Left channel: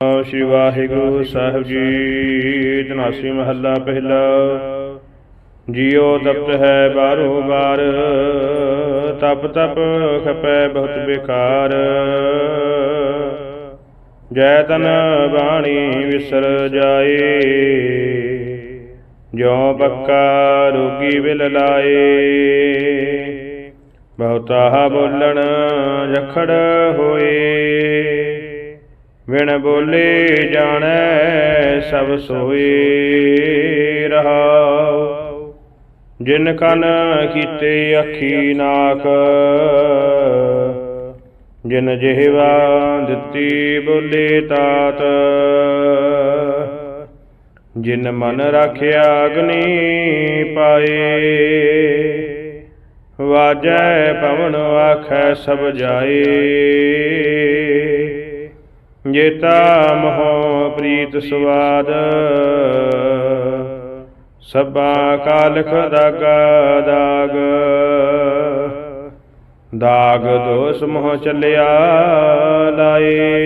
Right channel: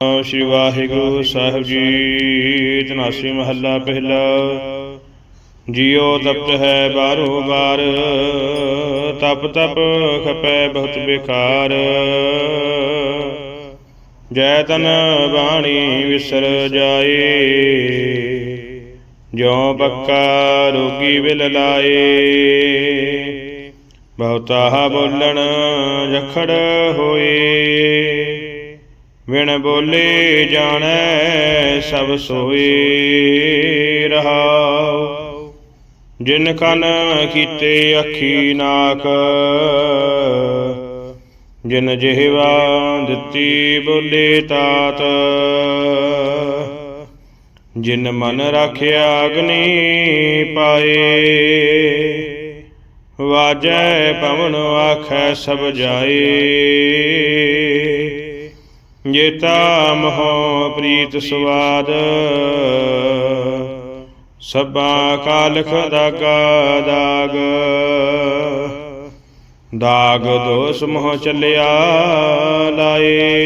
ਸ਼੍ਰੀ ਵਾਹਿਗੁਰੂ ਸਾਹਿਬ ਜੀ ਤਨਾਸੀ ਮਹੱਲਾ ਪਹਿਲਾ। ਜੀਉ ਤਪਤ ਹੈ ਬਾਰੋ ਬਾਰ ਤਪ ਤਪ ਖਪੈ ਬਹੁਤ ਬੇਕਾਰ। ਜੈ ਤਨ ਬਾਣੀ ਵਿਸਰ ਜਾਏ, ਜਿਉ ਪੱਕਾ ਰੋਗੀ ਬਿਲ ਲਾਏ। ਬਹੁਤਾ ਬੋਲਣ ਜਖੜ ਹੋਏ। ਵਿਣ ਬੋਲੇ ਜਾਣੈ ਸਭ ਸੋਏ ਰਹਾਉ। ਜਿਨ ਕਨ ਕੀਤੇ ਅੱਖੀ ਨਾਕ, ਜਿਨ ਜਿਹਵਾ ਦਿੱਤੀ ਬੋਲੇ ਤਾਤ, ਜਿਨ ਮਨ ਰਾਖਿਆ ਅਗਨੀ ਪਾਏ ਵਾਜੈ ਪਵਨ ਆਖੈ ਸਭ ਜਾਏ ਜੇਤਾ ਮੋਹ ਪ੍ਰੀਤ ਸਵਾਦ। ਸਭਾ ਕਾਲਖ ਦਾਗਾ ਦਾਗ। ਦਾਗ ਦੋਸ ਮੋਹ ਚੱਲਿਆ ਲਾਏ।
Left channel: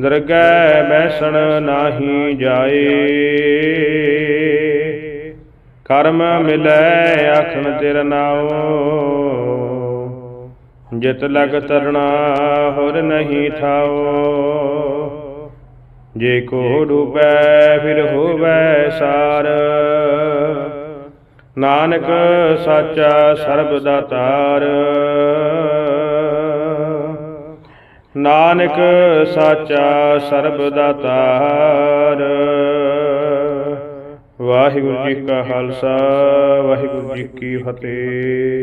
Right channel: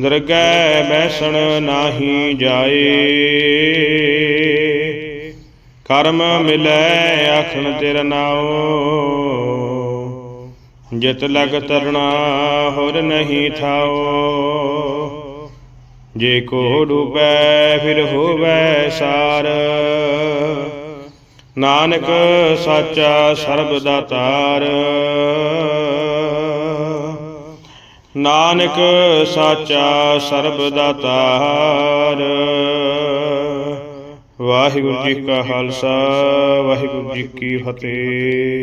ਦਰਗਹਿ ਬੈਸਣ ਨਾਹੀ ਜਾਏ। ਕਰਮ ਮਿਲੈ, ਆਖਣ ਤੇਰਾ ਨਾਉ। ਜਿਤ ਲਗ ਤਰਣਾ ਹੋਰ ਨਹੀਂ ਥਾਓ। ਜੇ ਕੋ ਡੂਬੈ, ਫਿਰ ਹੋਵੈ ਸਾਰ। ਨਾਨਕ ਸਾਚਾ ਸਰਬ ਦਾਤਾਰ ਨਾਨਕ ਸਾਚਾ ਸਰਬ ਦਾਤਾਰ ਵਾਹਿਗੁਰੂ ਜੀ ਕਾ ਖਾਲਸਾ, ਵਾਹਿਗੁਰੂ ਜੀ ਕੀ ਫਤਿਹ।